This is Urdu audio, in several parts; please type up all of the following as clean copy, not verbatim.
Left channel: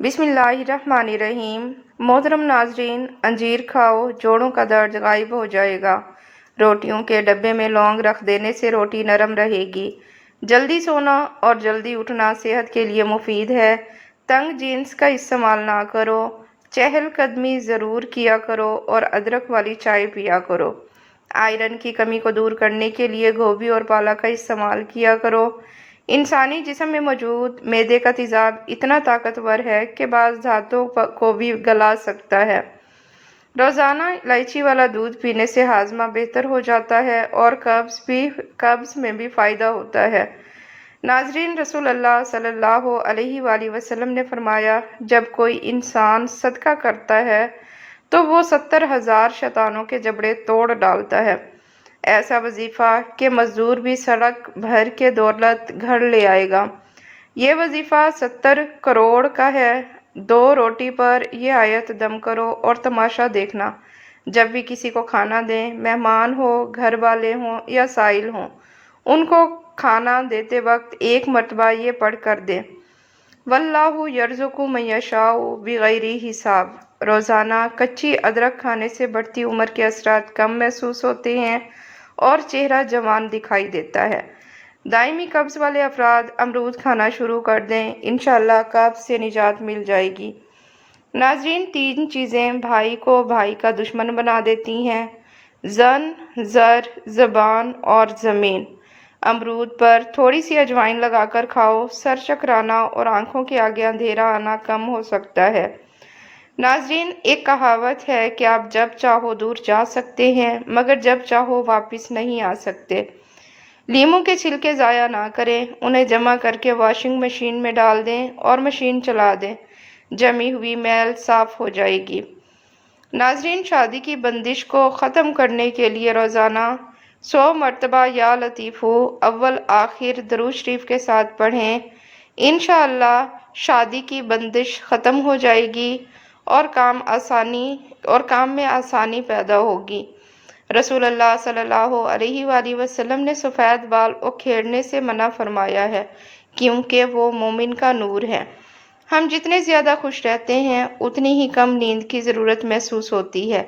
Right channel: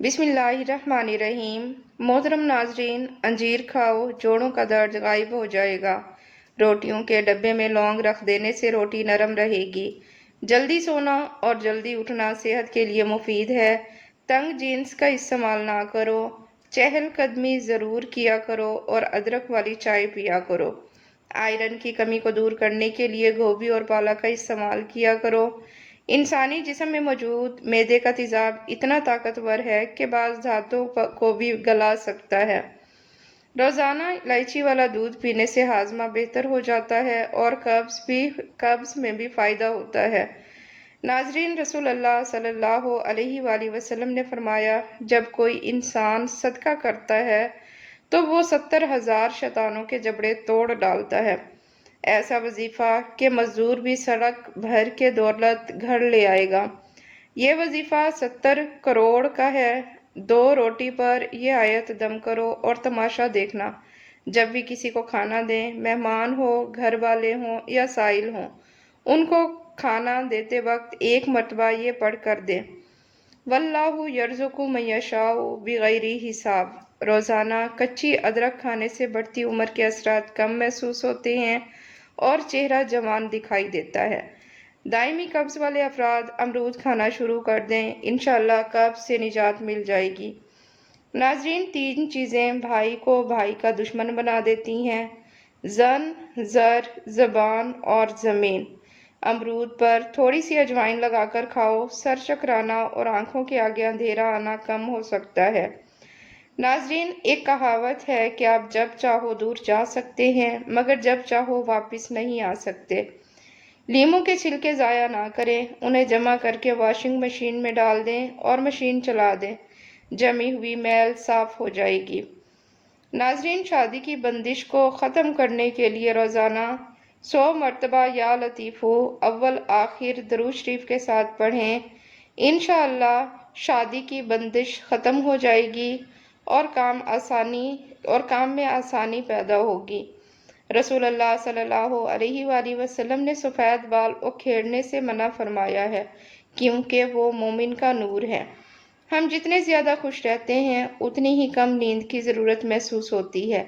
بسم اللہ الرحمن الرحیم۔ محترم ناظرین، انجیر کھاؤ، جوڑوں کا درد غائب ہو جائے گا۔ روٹیوں کے ڈبے میں لونگ رکھ دینے سے روٹی نرم رہے گی۔ جلدی سونا اور جلدی اٹھنا صحت کے لیے مفید ہے۔ تنگ جینس کا استعمال نہ کرو۔ چہل قدمی ضرور کیا کرو اور ادرک والی چائے پیا کرو۔ آئرن کی کمی کو دور کرنے کے لیے گوبھی اور پالک کا استعمال کیا کرو۔ انسانی جسم میں موجود معدے کا تیزاب اتنا طاقتور ہے کہ بعض دھاتوں کو بھی گلا سکتا ہے۔ روزانہ الائچی والا دودھ پینے سے ہاضمہ بہتر ہو جاتا ہے اور قبض میں بھی فائدہ ہوتا ہے۔ ناظرین، رسول اللہ صلی اللہ علیہ وآلہ وسلم نے فرمایا، جب کوئی انسان صدقہ کرتا ہے تو وہ 70,000 شیطانوں کے جبڑے توڑ ڈالتا ہے۔ ایسا وظیفہ کہ مزدور بھی سڑک بھر کے دولت گھر لے آئے گا۔ یہ وظیفہ 70 کروڑ کا ہے۔ 2 روٹی پر یہ آیت دم کرو اور تماشا دیکھنا۔ جب بھی کسی کو کھانا دیں، مہمان ہو، گھر والے ہوں یا سائل ہوں، ان کو کھانا دیتے وقت ایک مرتبہ یہ پڑھ کر دیں، وَاللَّهُ يَرْزُقُ مَن يَشَاءُ بِغَيْرِ حساب۔ روزانہ کچی ادرک کھانے سے بڑھتی عمر کے اثرات کم محسوس ہوتے ہیں اور چہرہ جوان دکھائی دیتا ہے۔ دائمی قبض والے افراد امرود کھانا شروع کر دیں، انشاءاللہ قبض سے نجات مل جائے گی۔ ناظرین، 3 چیزیں بھائی کو بھائی کا دشمن بنا دیتی ہیں: زن، زر، زبان اور زمین۔ امرود پر تھوڑی سی اجوائن لگا کر کھاؤ، سر چکرانا اور آنکھوں کے آگے اندھیرا آنا کم ہو سکتا ہے۔ ناظرین، ایک کہاوت ہے کہ آپ جب چاہو دور جا سکتے ہیں مگر جب چاہو واپس نہیں آ سکتے۔ لیموں کے چھلکے ضائع نہ کریں، انہیں جمع کر کے واشنگ مشین میں ڈال دیں اور مشین چلا دیں، جمی ہوئی میل صاف ہو جائے گی۔ ناظرین، شادی کی بندش کو ختم کرنے کے لیے روزانہ 100 مرتبہ یا لطیفو اول آخر درود شریف کے ساتھ پڑھیں، انشاءاللہ شادی کی بندش ختم ہو جائے گی اور کام میں آسانی پیدا ہوگی۔ رسول اللہ صلی اللہ علیہ وآلہ وسلم نے سفید بال اکھیڑنے سے منع فرمایا ہے کیونکہ وہ مومن کا نور ہے۔ ہم جتنے زیادہ خوش رہتے ہیں اتنی ہی کم نیند کی ضرورت محسوس ہوتی ہے۔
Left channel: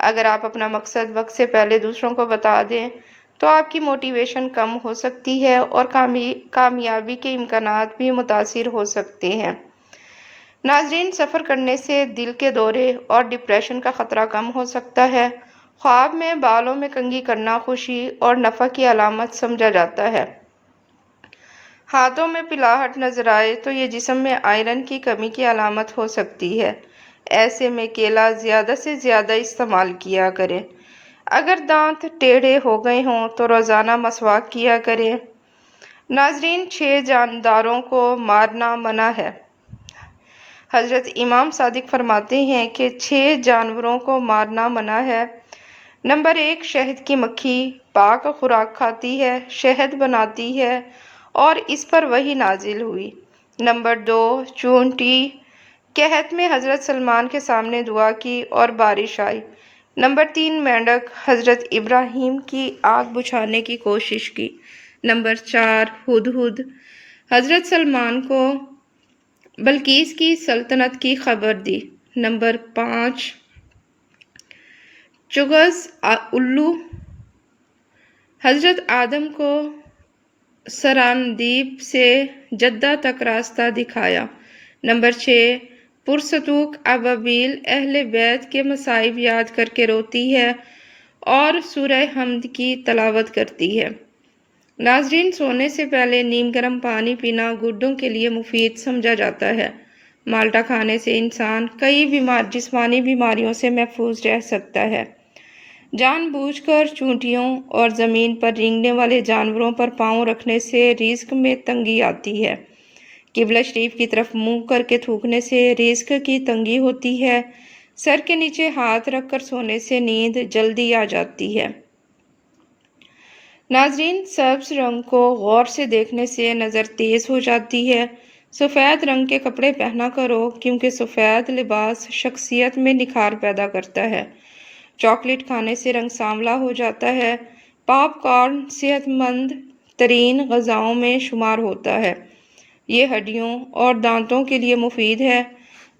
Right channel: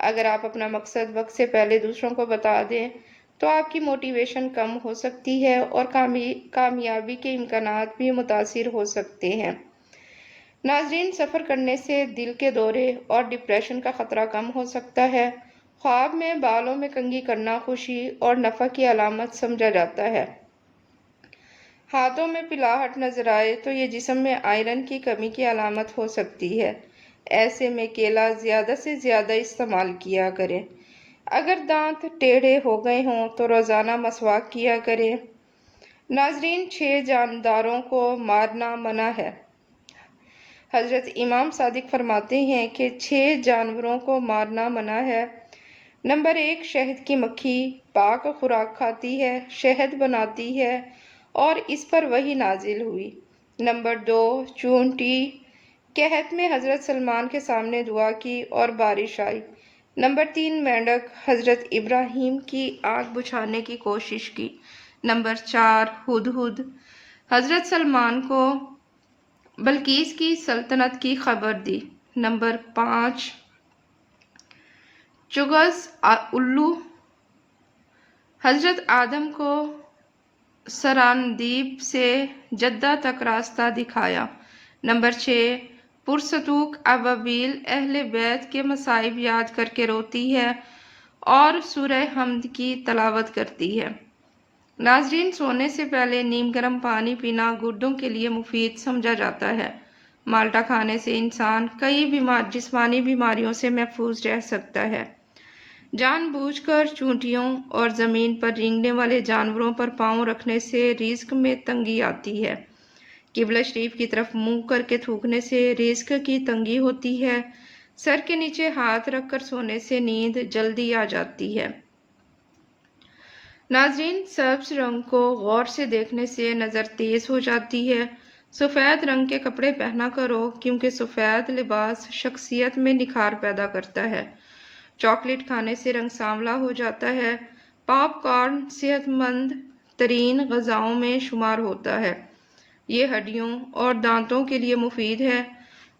اگر آپ اپنا مقصد وقت سے پہلے دوسروں کو بتا دیں تو آپ کی موٹیویشن کم ہو سکتی ہے اور کامیابی کے امکانات بھی متاثر ہو سکتے ہیں۔ ناظرین، سفر کرنے سے دل کے دورے اور ڈپریشن کا خطرہ کم ہو سکتا ہے۔ خواب میں بالوں میں کنگھی کرنا خوشی اور نفع کی علامت سمجھا جاتا ہے۔ ہاتھوں میں پلاہٹ نظر آئے تو یہ جسم میں آئرن کی کمی کی علامت ہو سکتی ہے۔ ایسے میں کیلا زیادہ سے زیادہ استعمال کیا کریں۔ اگر دانت ٹیڑھے ہو گئے ہوں تو روزانہ مسواک کیا کریں۔ ناظرین، 6 جانداروں کو مارنا منع ہے۔ حضرت امام صادق فرماتے ہیں کہ 6 جانوروں کو مارنا منع ہے۔ نمبر 1، شہد کی مکھی پاک خوراک کھاتی ہے، شہد بناتی ہے اور اس پر وحی نازل ہوئی۔ نمبر 2، چونٹی قحط میں حضرت سلمان کے سامنے دعا کی اور بارش آئی۔ نمبر 3، مینڈک حضرت ابراہیم کی آگ بجھانے کی کوشش کی۔ نمبر 4، ہدہد حضرت سلمان کو بلقیس کی سلطنت کی خبر دی۔ نمبر 5، چغز الو حضرت آدم کو سراندیب سے جدہ تک راستہ دکھایا۔ نمبر 6، پرستوک ابابیل اہل بیت کے مصائب یاد کر کے روتی ہے اور سورہ حمد کی تلاوت کرتی ہے۔ ناظرین، سونے سے پہلے نیم گرم پانی پینا گردوں کے لیے مفید سمجھا جاتا ہے۔ مالٹا کھانے سے انسان کئی جسمانی بیماریوں سے محفوظ رہ سکتا ہے۔ جان بوجھ کر چونٹیوں اور زمین پر رینگنے والے جانوروں پر پاؤں رکھنے سے رزق میں تنگی آتی ہے۔ قبلہ شریف کی طرف منہ کر کے تھوکنے سے رزق کی تنگی ہوتی ہے۔ سر کے نیچے ہاتھ رکھ کر سونے سے نیند جلدی آ جاتی ہے۔ ناظرین، سبز رنگ کو غور سے دیکھنے سے نظر تیز ہو جاتی ہے۔ سفید رنگ کے کپڑے پہنا کرو کیونکہ سفید لباس شخصیت میں نکھار پیدا کرتا ہے۔ چاکلیٹ کھانے سے رنگ سانولا ہو جاتا ہے۔ پاپ کارن صحت مند ترین غذاؤں میں شمار ہوتا ہے۔ یہ ہڈیوں اور دانتوں کے لیے مفید ہے۔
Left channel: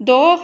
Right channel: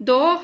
2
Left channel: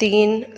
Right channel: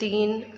3,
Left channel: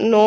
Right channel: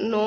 9,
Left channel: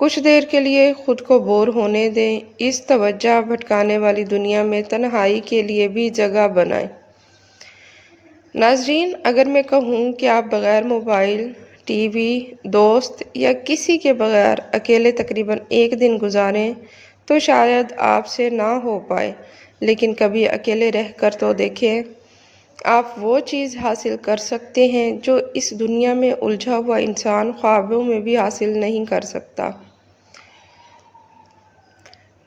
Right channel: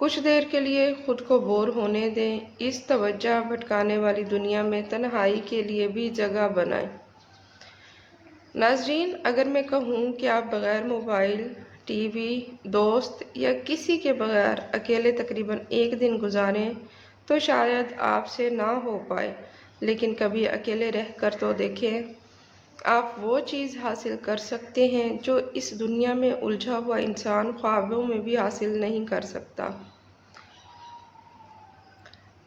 کچھ دیر کے لیے خود کو بور ہونے دیں، اس توجہ بھٹکانے والی دنیا میں تنہائی کے لیے بھی جگہ بنائیں۔ ناظرین، اگر میں کہوں کہ آپ بغیر موبائل، ٹی وی، دوست یا کسی کے بغیر اکیلے تقریباً ایک دن گزاریں تو شاید آپ سے نہ ہو پائے، لیکن کبھی اکیلے رہ کر تو دیکھیں، آپ وہ چیز حاصل کر سکتے ہیں جو اس دنیا میں الجھا ہوا انسان خوابوں میں بھی حاصل نہیں کر سکتا۔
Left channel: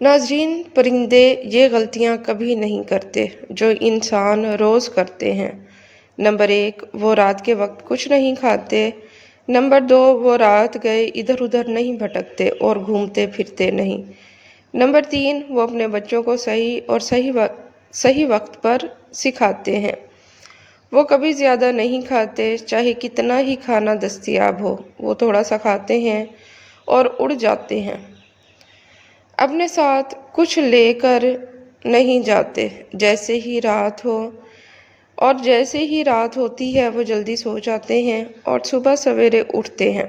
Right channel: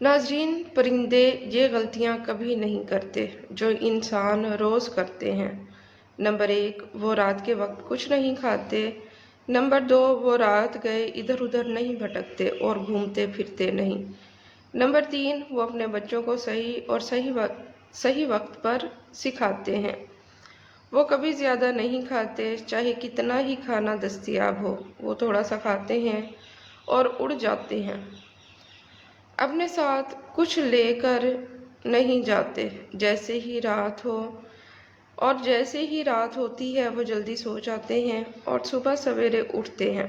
ناظرین، پرندے یہ غلطیاں کبھی نہیں کرتے جو انسان روز کرتے ہیں۔ نمبر 1، وہ رات کے وقت کچھ نہیں کھاتے۔ نمبر 2، وہ رات گئے ادھر ادھر نہیں بھٹکتے اور گھومتے پھرتے نہیں۔ نمبر 3، وہ اپنے بچوں کو صحیح وقت پر سکھاتے ہیں۔ وہ کبھی زیادہ نہیں کھاتے، چاہے کتنا ہی کھانا دستیاب ہو، وہ تھوڑا سا کھاتے ہیں اور اڑ جاتے ہیں۔ اپنے ساتھ کچھ لے کر نہیں جاتے۔ جیسے ہی رات ہوتی ہے وہ جلدی سو جاتے ہیں اور صبح سویرے اٹھتے ہیں،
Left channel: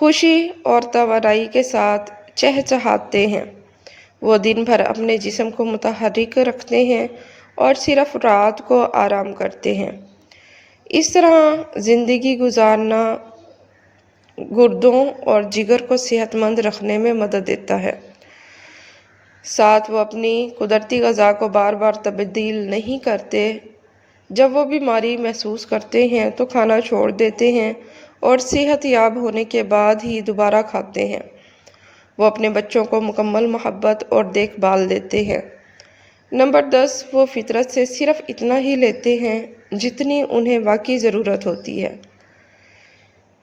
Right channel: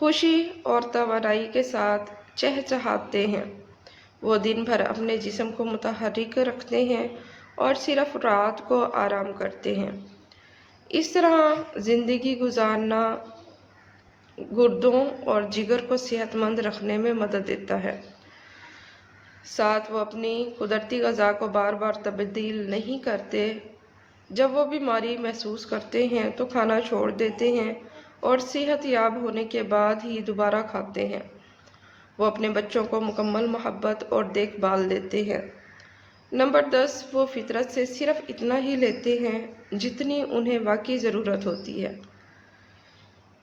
خوشی اور توانائی کے ساتھ چہچہاتے ہیں۔ وہ دن بھر اپنے جسم کو متحرک رکھتے ہیں اور صرف رات کو آرام کرتے ہیں۔ اس طرح زندگی گزارنا گردوں اور جگر کو صحت مند رکھنے میں مدد دیتا ہے۔ ساتھ وہ اپنی قدرتی غذا کو بار بار تبدیل نہیں کرتے۔ جب وہ بیماری محسوس کرتے ہیں تو کھانا چھوڑ دیتے ہیں اور صحت یاب ہونے کے بعد ہی دوبارہ کھاتے ہیں۔ وہ اپنے بچوں کو مکمل محبت اور دیکھ بھال دیتے ہیں۔ نمبر 10، وہ فطرت سے صرف اتنا ہی لیتے ہیں جتنی انہیں واقعی ضرورت ہوتی ہے۔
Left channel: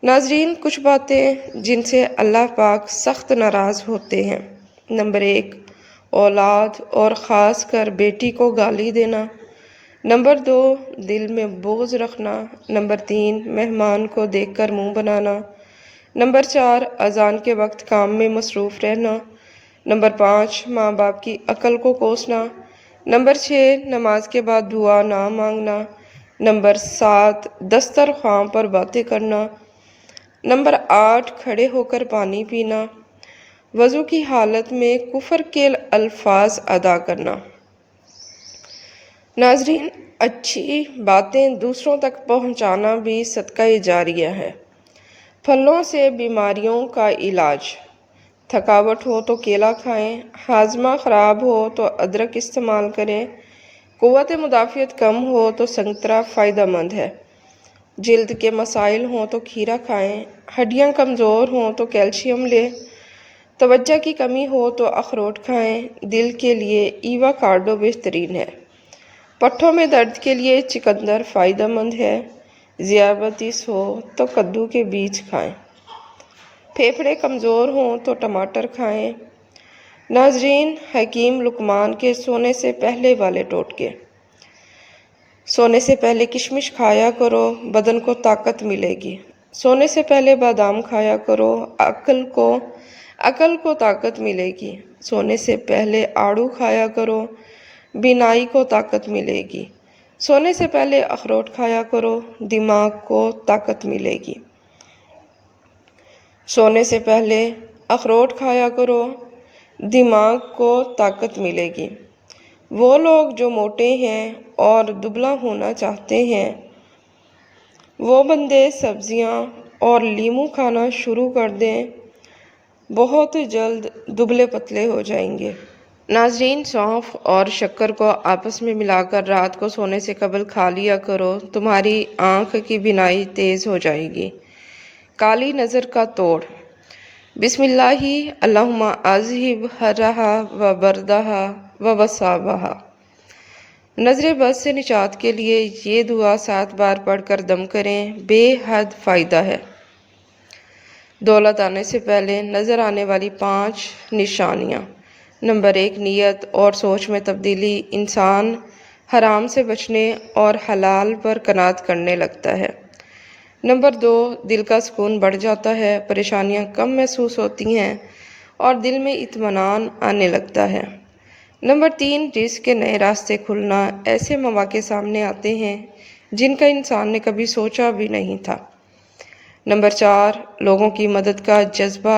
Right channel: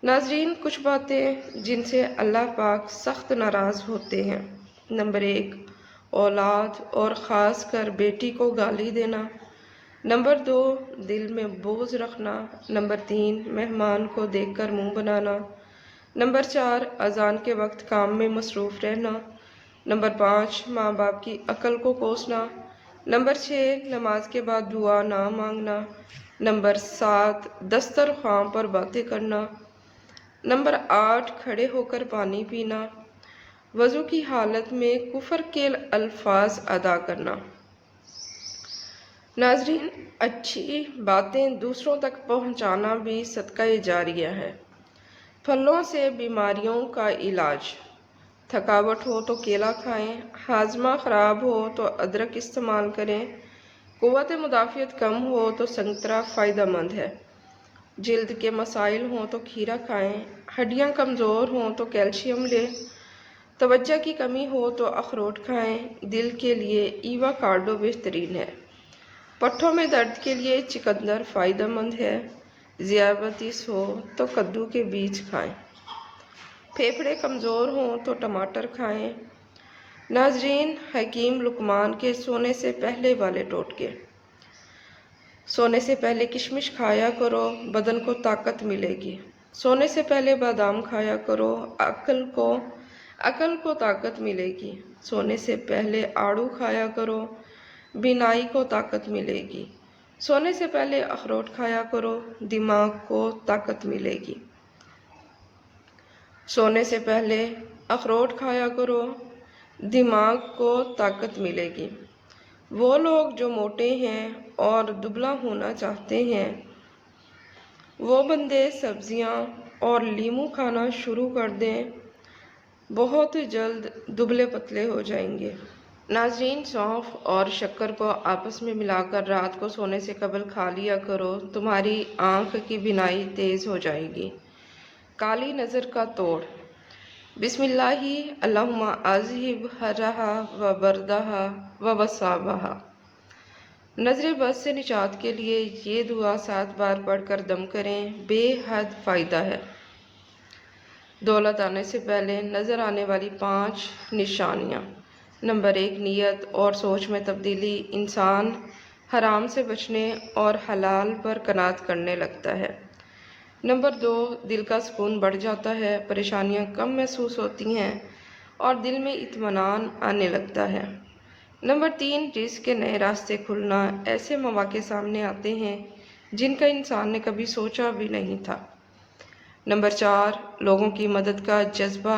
ناظرین، کچھ باتیں جن سے اللہ پاک سخت ناراض ہوتے ہیں۔ نمبر 1، اولاد اور خاص کر بیٹی کو گالی دینا۔ نمبر 2، دل میں بغض رکھنا۔ نمبر 3، مہمان کو دیکھ کر منہ بنانا۔ نمبر 4، اذان کے وقت کام میں مصروف رہنا۔ نمبر 5، ماں باپ کی عقل کو کوسنا۔ نمبر 6، نماز کے بعد دعا نہ مانگنا۔ نمبر 7، دسترخوان پر باتیں کرنا۔ نمبر 8، کھڑے ہو کر پانی پینا۔ وضو کی حالت میں کفر کے الفاظ ادا کرنا۔ ناظرین، اچھی باتیں دوسروں تک پہنچانا بھی صدقہ جاریہ ہے۔ پھلوں سے بیماریوں کا علاج۔ تھکاوٹ ہو تو کیلا کھائیں، ہاضمہ خراب ہو تو ادرک استعمال کریں، قوت مدافعت کم ہو تو سنترا فائدہ مند ہے، جلد کے مسائل ہوں تو کھیرا کھائیں، ہڈیاں کمزور ہوں تو کیلشیم لیں، توجہ کی کمی ہو تو اخروٹ کھائیں، دل کے لیے ایووکاڈو بہترین ہے، پٹھوں میں درد کے لیے چقندر فائدہ مند ہے، ذیابیطس ہو تو کدو کے بیج کھائیں، پھیپھڑے کمزور ہوں تو ٹماٹر کھائیں۔ ناظرین، حکیم لقمان کے سونے سے پہلے والے ٹوٹکے۔ سونے سے پہلے کشمش کھایا کرو، بدن کو طاقت ملے گی۔ سونے سے پہلے بادام کھایا کرو، عقل کو طاقت ملے گی۔ سونے سے پہلے آڑو کھایا کرو، بینائی کو طاقت ملے گی۔ سونے سے پہلے اخروٹ کھایا کرو، دماغ کو طاقت ملے گی۔ سونے سے پہلے اخروٹ کھایا کرو، دماغ کو طاقت ملے گی۔ وہ لوگ جو موٹے ہیں اور دبلا ہونا چاہتے ہیں، وہ بندے سبزیاں اور لیموں کھانا شروع کر دیں، بہت جلد دبلے پتلے ہو جائیں گے۔ ناظرین، سونف اور شکر کو آپس میں ملا کر رات کو سونے سے قبل کھا لیا کرو، تمہاری آنکھ کی بینائی تیز ہو جائے گی۔ کالی نظر کا توڑ۔ بسم اللہ اللہم اذہب حرہا و بردہا و وصابہا۔ نظر بد سے نجات کے لیے یہ دعا 7 بار پڑھ کر دم کریں، بے حد فائدہ ہے۔ دولت آنے سے پہلے نظر آنے والی 5 نشانیاں۔ نمبر 1، نیت اور سوچ میں تبدیلی۔ انسان حرام سے بچنے اور حلال پر قناعت کرنے لگتا ہے۔ نمبر 2، دل کا سکون بڑھ جاتا ہے، پریشانیاں کم محسوس ہوتی ہیں اور دل میں اطمینان آنے لگتا ہے۔ نمبر 3، رزق کے نئے راستے کھلنا، ایسے مواقع سامنے آتے ہیں جن کا انسان نے کبھی سوچا بھی نہیں تھا۔ نمبر 4، لوگوں کی مدد کا جذبہ